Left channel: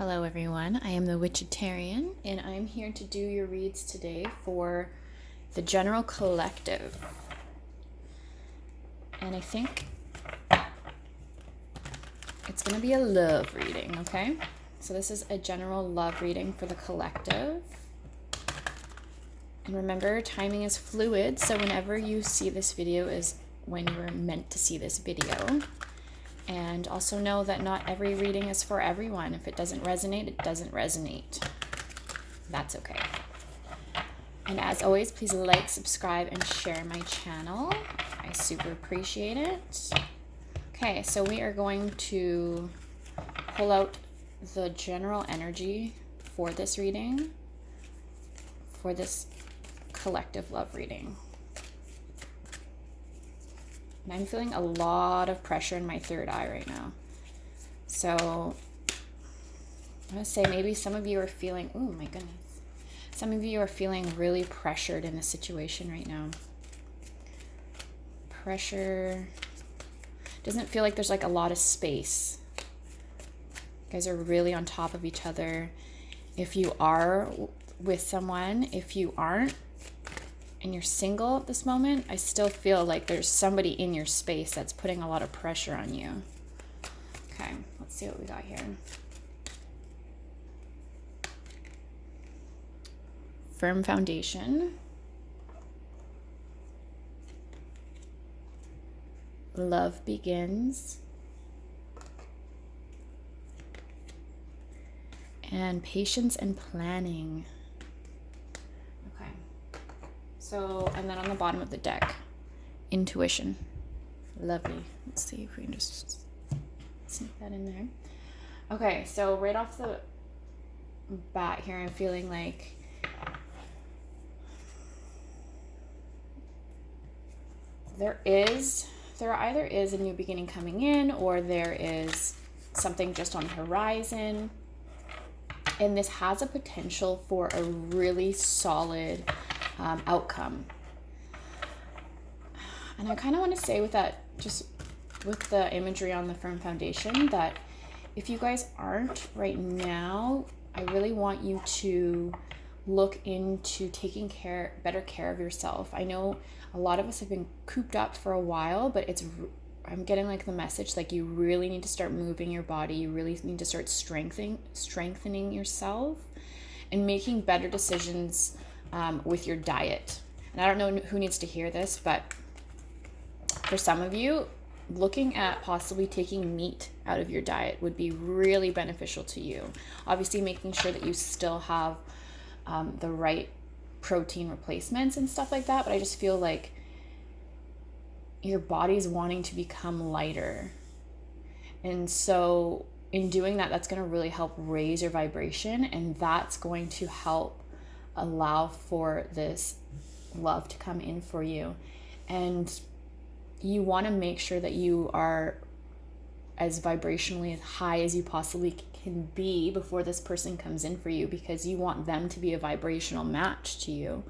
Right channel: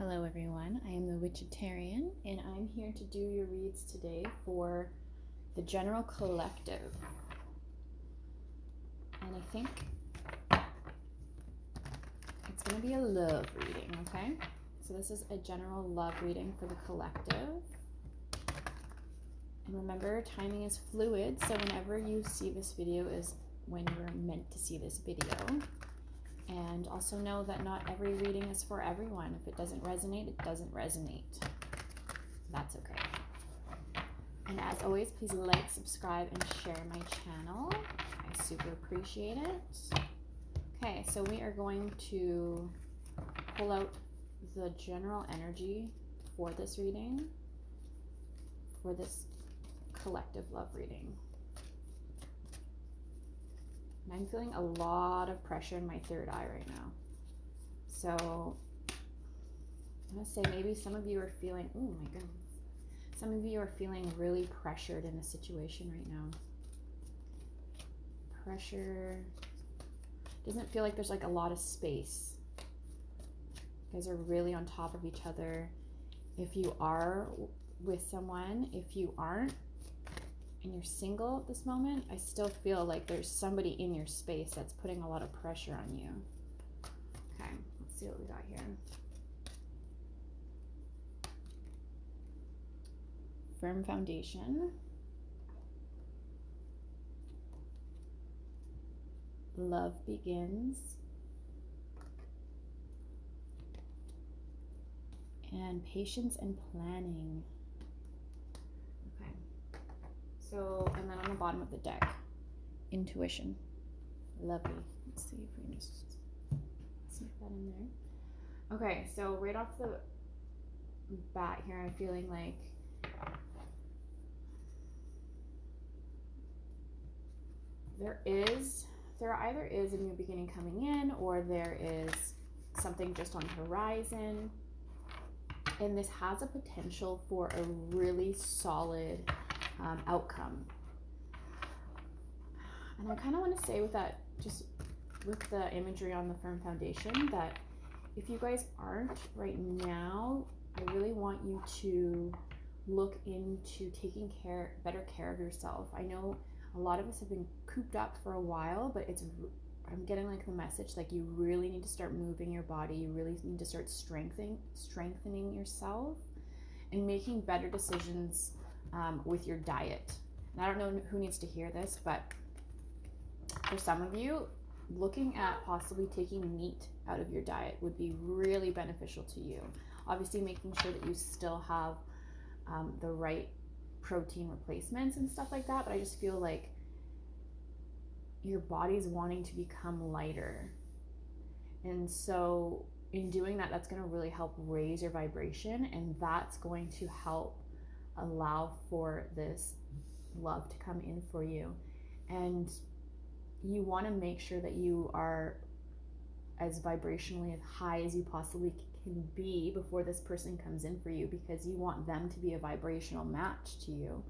Hello everyone, I am the Thewitchatarian and I'm here to do your reads today for the general collective. And I think it's going to be a love reading, okay? So this is a general love reading for the collective. And remember, timing is fluid, so whenever you see this video is when you were meant to see this video. And also know that not every reading is for everyone. If it doesn't resonate, it doesn't resonate. That's okay. And as always, please like, subscribe, and share my channel. I super appreciate it. Okay, so we are going to pull out the general energy for this reading, for this collective love reading. And I'm feeling a lot of pressure in my third eye right now. So I'm going to say maybe some of you are feeling, oh my goodness. Some of you are feeling really pressured in a situation right now. Pressure. Doesn't feel like there's like a lot of space. You guys are really on top of each other. If you are with someone, if you aren't, and you're single at this moment, I still feel like there's somebody in your space that's putting a lot of pressure on you. Okay, let's see what we got here. Firm foundation. Love begins. And patience and planning. So, and then on the bottom of the deck, intuition. Lovely. Let's see if we can just sneak that in there. Okay, so right off the bat here, I'm feeling like there either is a new beginning coming in, or there is something just on the horizon. And this has a potential for a really solid outcome. And I kind of want to say with that, just with the imagery on the firm foundation, that if you guys aren't right now, I really want you to look into taking better care of yourself. I know a lot of us have been cooped up for a while, but I'm getting like the message, like you really need to start moving your body. You really need to start strengthening yourself and making better decisions with your diet. And I don't know who needs to hear this, but for some of you, looking at possibly taking meat out of your diet would be really beneficial to you. Obviously, making sure that you still have the right protein replacements and stuff like that, but I just feel like your body's wanting to become lighter. And so in doing that, that's going to really help raise your vibration, and that's going to help allow for this love to come in for you. And you want to make sure that you are as vibrationally high as you possibly can be before this person comes in for you, because you want them to be a vibrational match to you.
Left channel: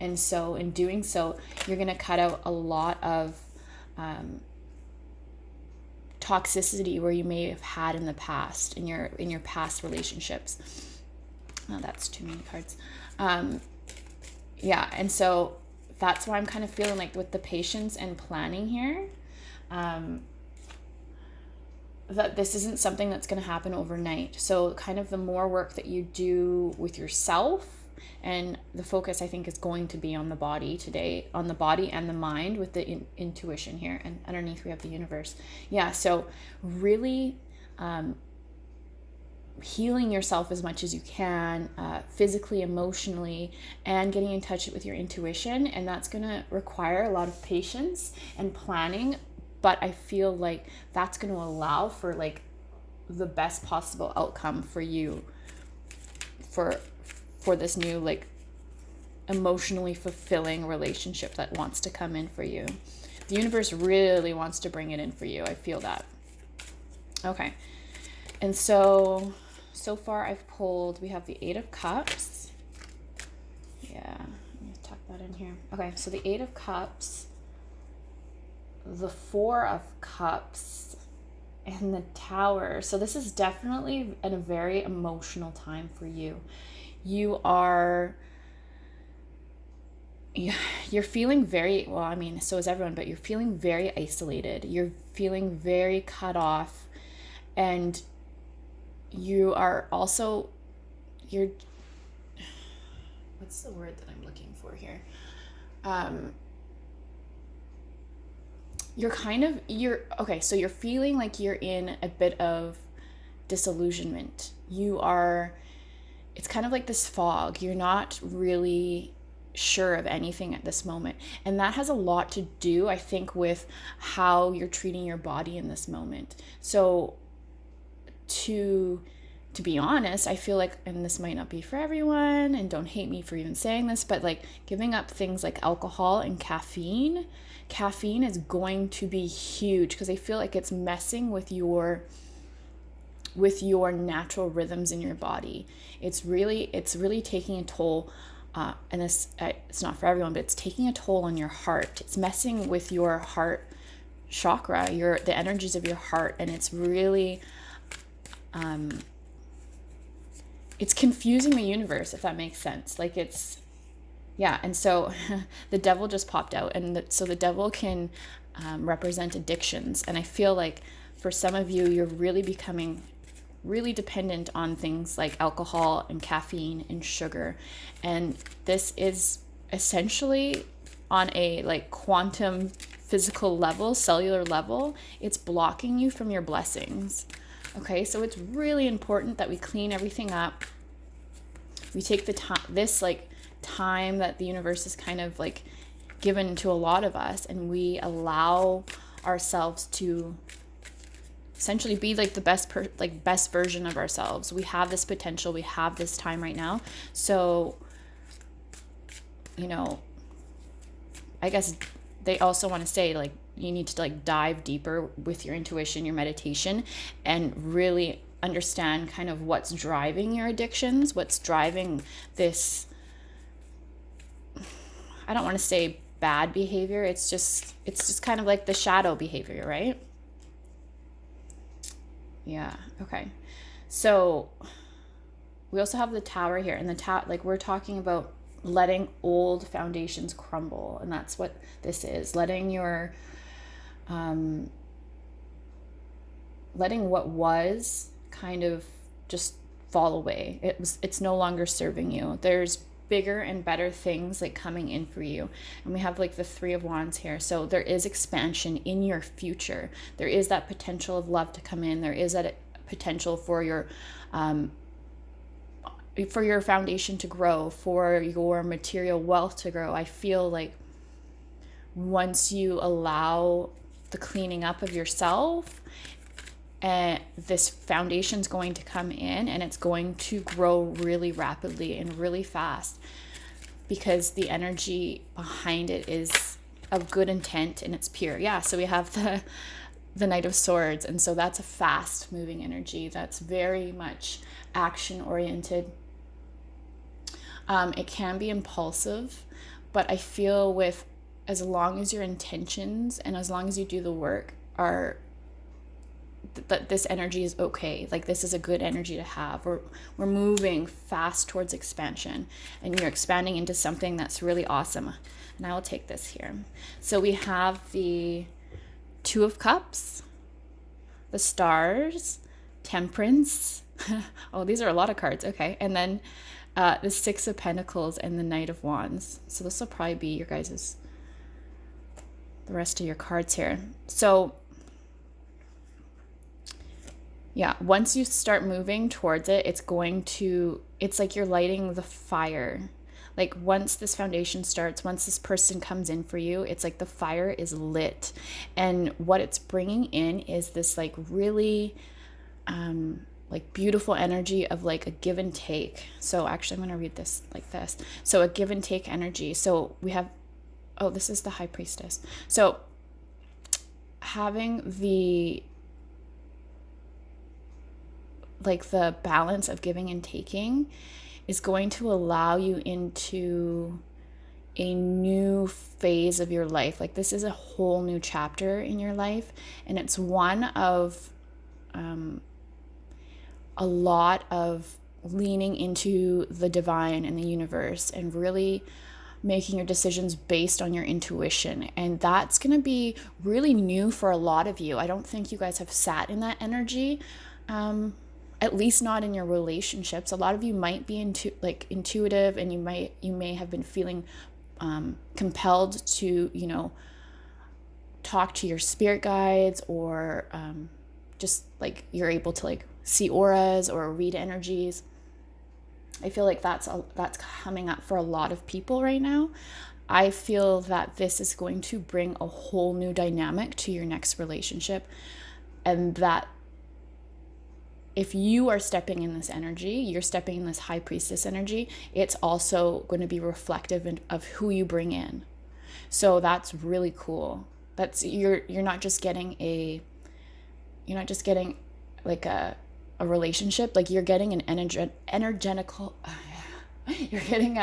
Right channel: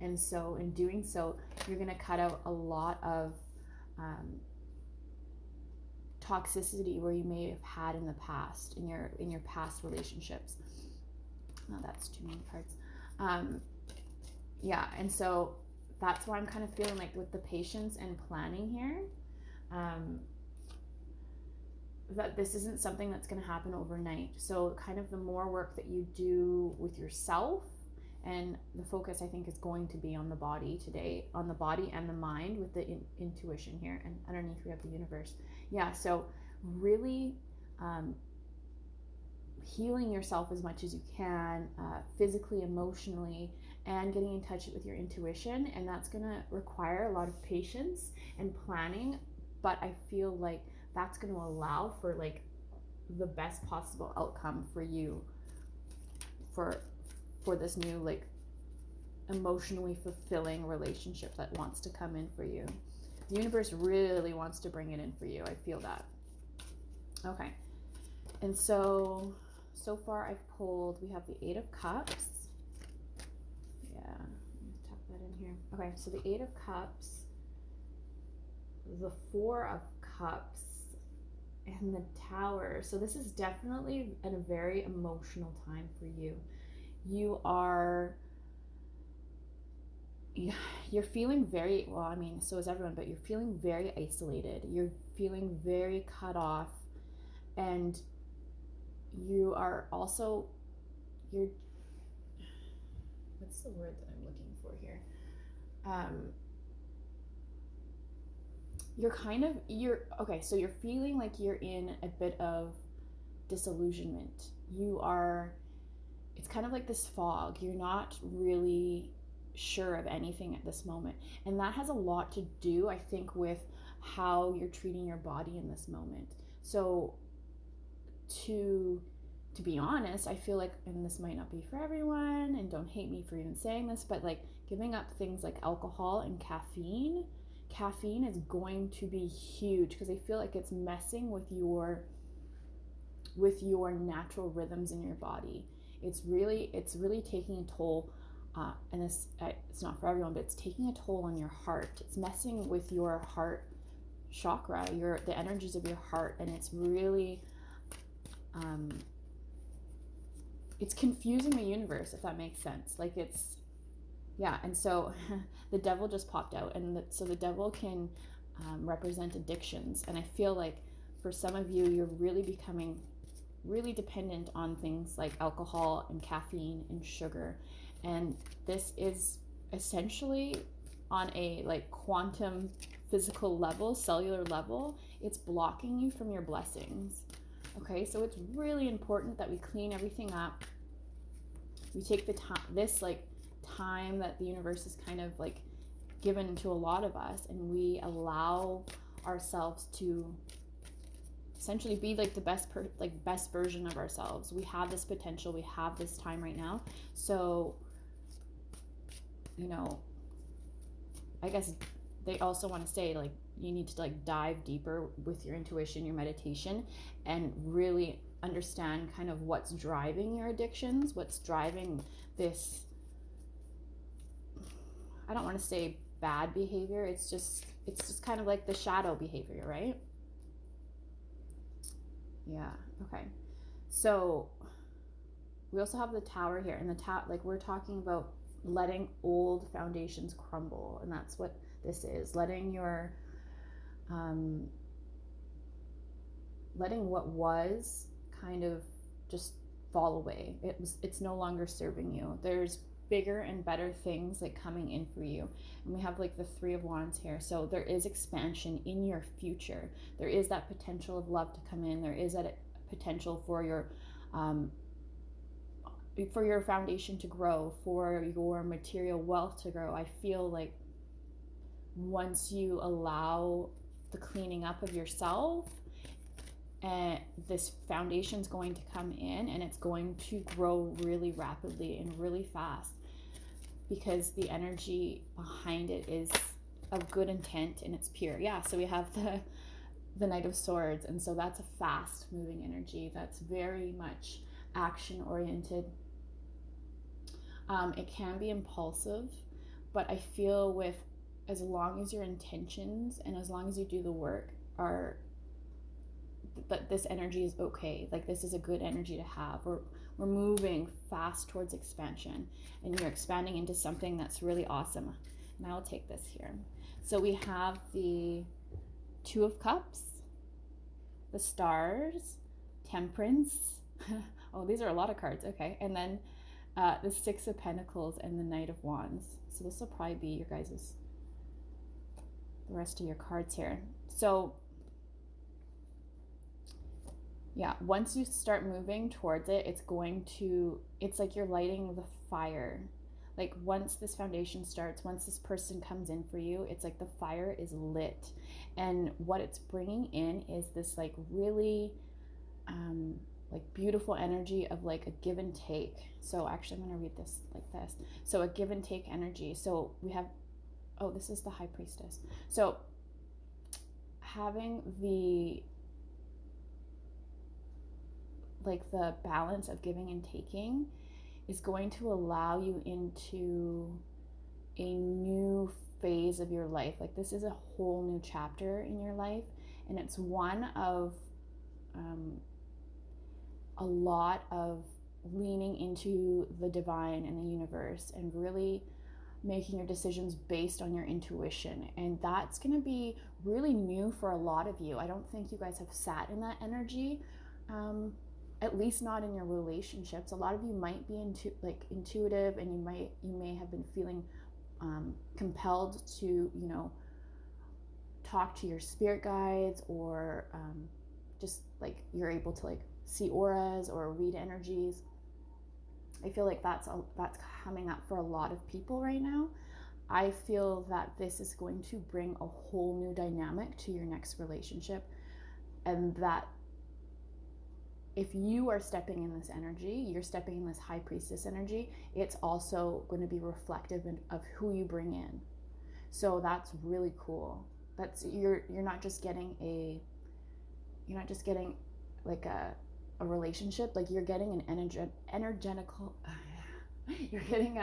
And so in doing so, you're going to cut out a lot of toxicity where you may have had in the past, in your past relationships. Oh, that's too many cards. Yeah, and so that's why I'm kind of feeling like with the patience and planning here, that this isn't something that's going to happen overnight. So kind of the more work that you do with yourself, and the focus I think is going to be on the body today, on the body and the mind with the intuition here, and underneath we have the universe. Yeah, so really healing yourself as much as you can, physically, emotionally, and getting in touch with your intuition. And that's going to require a lot of patience and planning, but I feel like that's going to allow for like the best possible outcome for you for this new like emotionally fulfilling relationship that wants to come in for you. The universe really wants to bring it in for you. I feel that. Okay. And so far I've pulled, we have the 8 of Cups. Yeah, let me tuck that in here. Okay, so the 8 of Cups, the 4 of Cups, and the Tower. So this is definitely a very emotional time for you. You're feeling very, well, I mean, so is everyone, but you're feeling very isolated. You're feeling very cut off, and you are also, you're, what's the word that I'm looking for here? Okay, so you're feeling like you're in a bit of disillusionment. It's kind of like this fog. You're not really sure of anything at this moment. And that has a lot to do, I think, with how you're treating your body in this moment. So to be honest, I feel like, and this might not be for everyone, and don't hate me for even saying this, but like giving up things like alcohol and caffeine is going to be huge, because I feel like it's messing with your natural rhythms in your body. It's really taking a toll, and this, it's not for everyone, but it's taking a toll on your heart. It's messing with your heart chakra, the energies of your heart, and it's really it's confusing the universe, if that makes sense. Like and so the devil just popped out, and so the devil can represent addictions, and I feel like for some of you, you're really becoming really dependent on things like alcohol and caffeine and sugar, and this is essentially on a like quantum physical level, cellular level, it's blocking you from your blessings. Okay, so it's really important that we clean everything up. We take the time that the universe is kind of like given to a lot of us, and we allow ourselves to essentially be like the best version of ourselves. We have this potential, we have this time right now. So, I guess they also want to say, like, you need to like dive deeper with your intuition, your meditation, and really understand kind of what's driving your addictions, what's driving this, I don't want to say bad behavior, it's just kind of like the shadow behavior, right? Yeah, okay. So we also have the Tower here, and like we're talking about letting old foundations crumble, and that's what this is. Letting letting what was kind of just fall away. It's no longer serving you. There's bigger and better things like coming in for you. And we have like the Three of Wands here. So there is expansion in your future. There is that potential of love to come in. There is that potential for your foundation to grow, for your material wealth to grow. I feel like once you allow the cleaning up of yourself, and this foundation's going to come in, and it's going to grow really rapidly and really fast, because the energy behind it is of good intent and it's pure. Yeah, so we have the Knight of Swords, and so that's a fast moving energy that's very much action oriented. It can be impulsive, but I feel with, as long as your intentions and as long as you do the work are that this energy is okay. Like, this is a good energy to have. We're moving fast towards expansion, and you're expanding into something that's really awesome. And I will take this here. So we have the Two of Cups, the Stars, Temperance. Oh, these are a lot of cards. Okay. And then the Six of Pentacles and the Knight of Wands. So this will probably be your guys's, the rest of your cards here. So yeah, once you start moving towards it, it's like you're lighting the fire. Like, once this foundation starts, once this person comes in for you, it's like the fire is lit. And what it's bringing in is this like really like beautiful energy of like a give and take. So actually, I'm going to read this like this. So a give and take energy. So we have, oh, this is the High Priestess. So having the balance of giving and taking is going to allow you into a new phase of your life. Like, this is a whole new chapter in your life, and it's one of a lot of leaning into the divine and the universe and really making your decisions based on your intuition. And that's going to be really new for a lot of you. I don't think you guys have sat in that energy, at least not in your relationships. A lot of you might be intuitive, and you may have been feeling compelled to, talk to your spirit guides, or just like you're able to like see auras or read energies. I feel like that's coming up for a lot of people right now. I feel that this is going to bring a whole new dynamic to your next relationship, and that if you are stepping in this energy, you're stepping in this high priestess energy, it's also going to be reflective of who you bring in. So that's really cool. That's you're not just getting like a relationship, like you're getting an energetical you're getting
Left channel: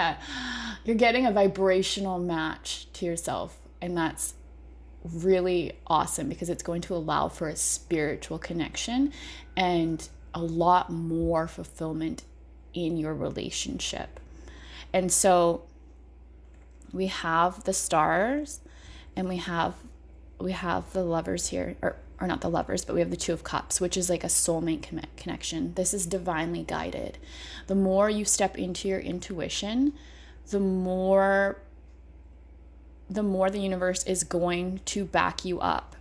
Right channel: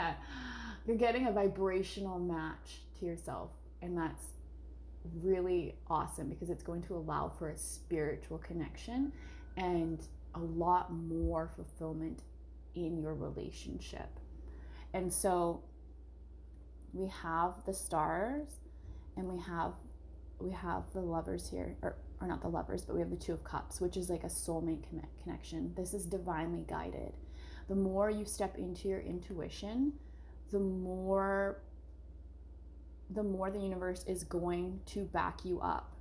a vibrational match to yourself, and that's really awesome because it's going to allow for a spiritual connection and a lot more fulfillment in your relationship. And so we have the stars, and we have the lovers here, or not the lovers, but we have the Two of Cups, which is like a soulmate connection. This is divinely guided. The more you step into your intuition, the more the universe is going to back you up.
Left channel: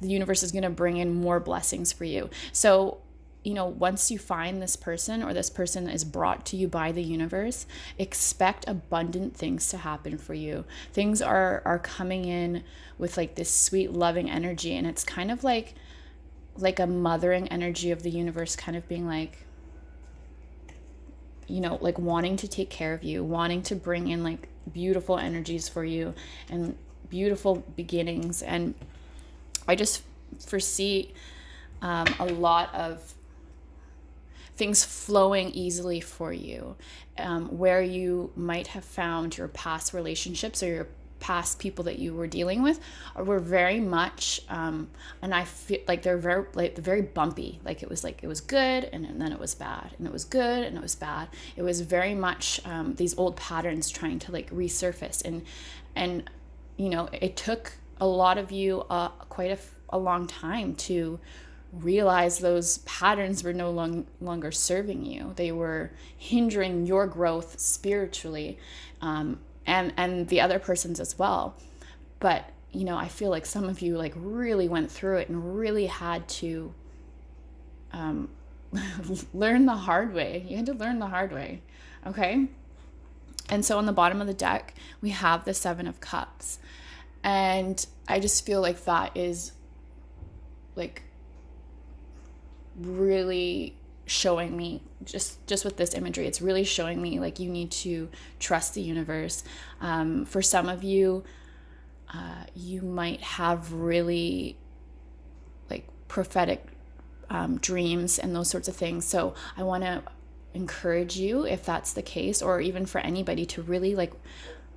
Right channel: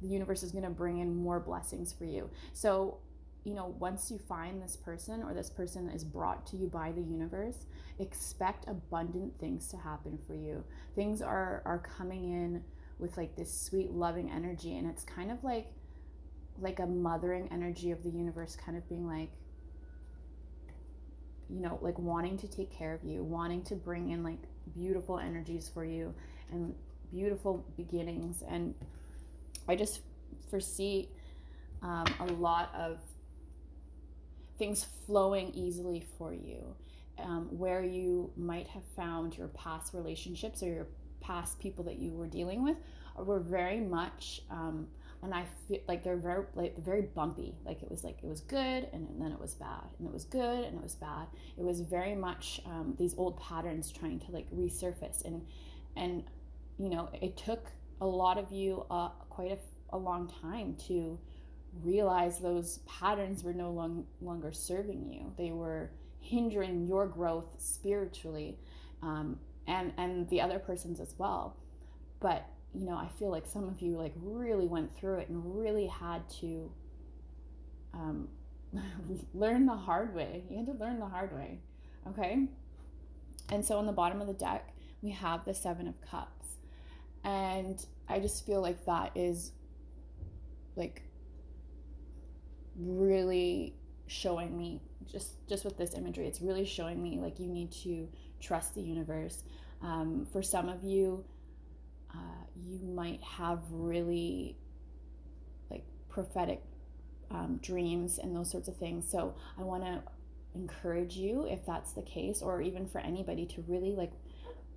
The universe is going to bring in more blessings for you. So, once you find this person, or this person is brought to you by the universe, expect abundant things to happen for you. Things are coming in with like this sweet, loving energy, and it's kind of like a mothering energy of the universe, kind of being like, like wanting to take care of you, wanting to bring in like beautiful energies for you and beautiful beginnings. And I just foresee a lot of things flowing easily for you, where you might have found your past relationships or your past people that you were dealing with were very much and I feel like they're very bumpy. Like it was good, and then it was bad, and it was good, and it was bad. It was very much these old patterns trying to like resurface, and it took a lot of you quite a long time to realize those patterns were no longer serving you. They were hindering your growth spiritually, and the other person's as well. But I feel like some of you like really went through it and really had to learn the hard way. You had to learn the hard way. Okay. And so on the bottom of the deck, we have the Seven of Cups, and I just feel like that is like really showing me, just with this imagery, it's really showing me like you need to trust the universe. For some of you, you might have really like prophetic dreams and those sorts of things. So I want to encourage you, if that's the case, or even for anybody, to really like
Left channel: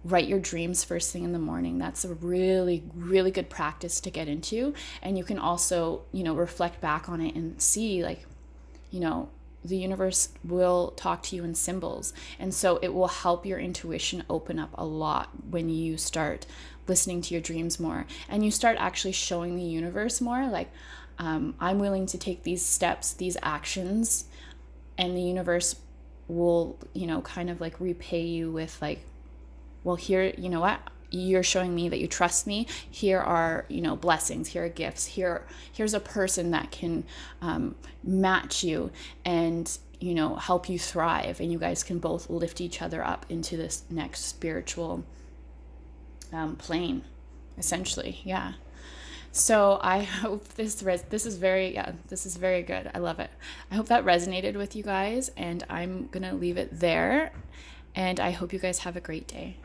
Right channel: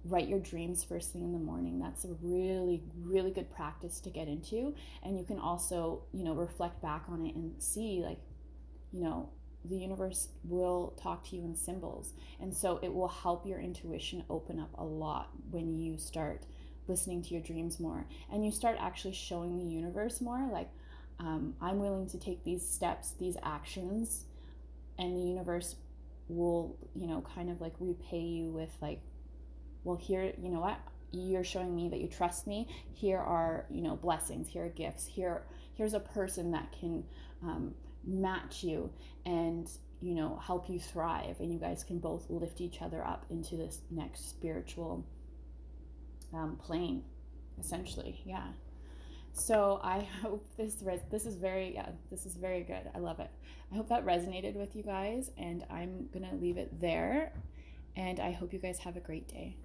write your dreams first thing in the morning. That's a really, really good practice to get into. And you can also, reflect back on it and see like, the universe will talk to you in symbols. And so it will help your intuition open up a lot when you start listening to your dreams more, and you start actually showing the universe more like, I'm willing to take these steps, these actions, and the universe will, kind of like repay you with like, well, here, you know what? You're showing me that you trust me. Here are, blessings. Here are gifts. Here's a person that can match you and, help you thrive. And you guys can both lift each other up into this next spiritual plane, essentially. Yeah. So I hope this is very good. I love it. I hope that resonated with you guys, and I'm going to leave it there. And I hope you guys have a great day.